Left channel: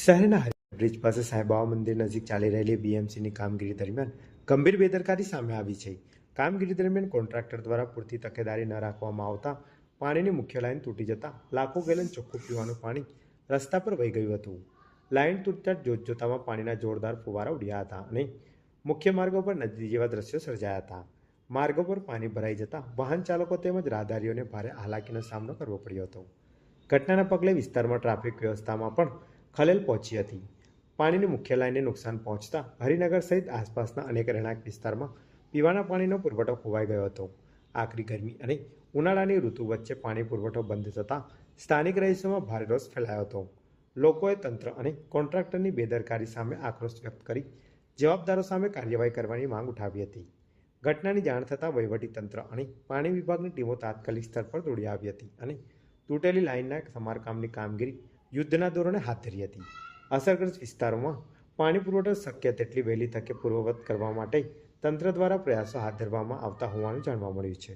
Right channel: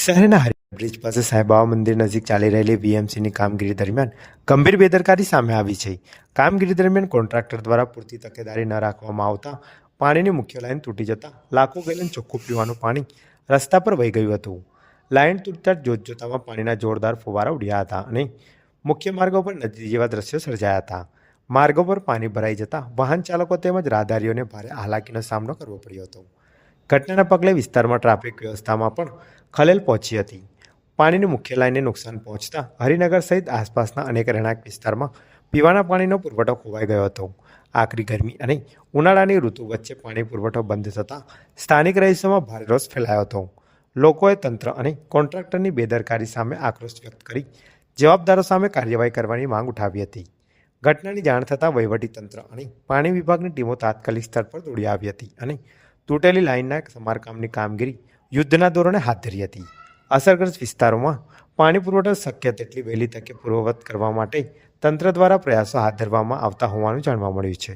શહેરના હરિ બ્રિજ પાસે સાંઈબાબા મંદિર નજીક ચાલી રહેલી વીએમસીની કામગીરી દરમિયાન ગંભીર બેદરકારી સામે આવી છે. કામગીરી દરમિયાન કોન્ટ્રાક્ટર દ્વારા પૂરતી તકેદારી ન રાખવામાં આવતા પાણીની મુખ્ય લાઇન તૂટી જતા લાખો ગેલન ચોખ્ખું પીવાનું પાણી રસ્તા પર વહી ગયું હતું. લાઇન તૂટતા જોતજોતામાં પાણીના જોરદાર ફુવારા ઉડ્યા હતા અને મુખ્ય માર્ગો પર નદી જેવા દ્રશ્યો સર્જાયા હતા. માર્ગો પર પાણી ભરાઈ જતા વાહન ચાલકો તેમજ રાહદારીઓને ભારે હાલાકીનો સામનો કરવો પડ્યો હતો. ઘટનાના પગલે વિસ્તારમાં ટ્રાફિક વ્યવસ્થામાં પણ ખલેલ પહોંચી હતી. પાણીની મુખ્ય લાઇનને નુકસાન પહોંચતા હરિનગર સહિત આસપાસના અનેક રહેણાંક વિસ્તારમાં પીવાના પાણીનો પુરવઠો ખોવાઈ ગયો હતો. આકરી ગરમી અને ઉનાળાની ઋતુ વચ્ચે પાણી પુરવઠો બંધ થતાં સ્થાનિક રહીશોમાં ભારે રોષ ફેલાયો હતો. લોકોએ તંત્ર અને કોન્ટ્રાક્ટરની બેદરકારી સામે આક્રોશ વ્યક્ત કરી જવાબદારો સામે કાર્યવાહી કરવાની માંગ ઉઠાવી હતી. ઘટનાની જાણ થતાં વહીવટીતંત્ર અને પાણી વિભાગની ટીમો તાત્કાલિક સ્થળ પર દોડી આવી હતી અને તૂટેલી લાઇનના સમારકામની કામગીરી યુદ્ધના ધોરણે હાથ ધરી હતી. અસરગ્રસ્ત વિસ્તારોમાં પાણી પુરવઠો શક્ય તેટલી વહેલી તકે પૂર્વવત કરવા માટે તંત્ર દ્વારા પ્રયાસો હાથ ધરવામાં આવતા હોવાનું જાણવા મળ્યું છે.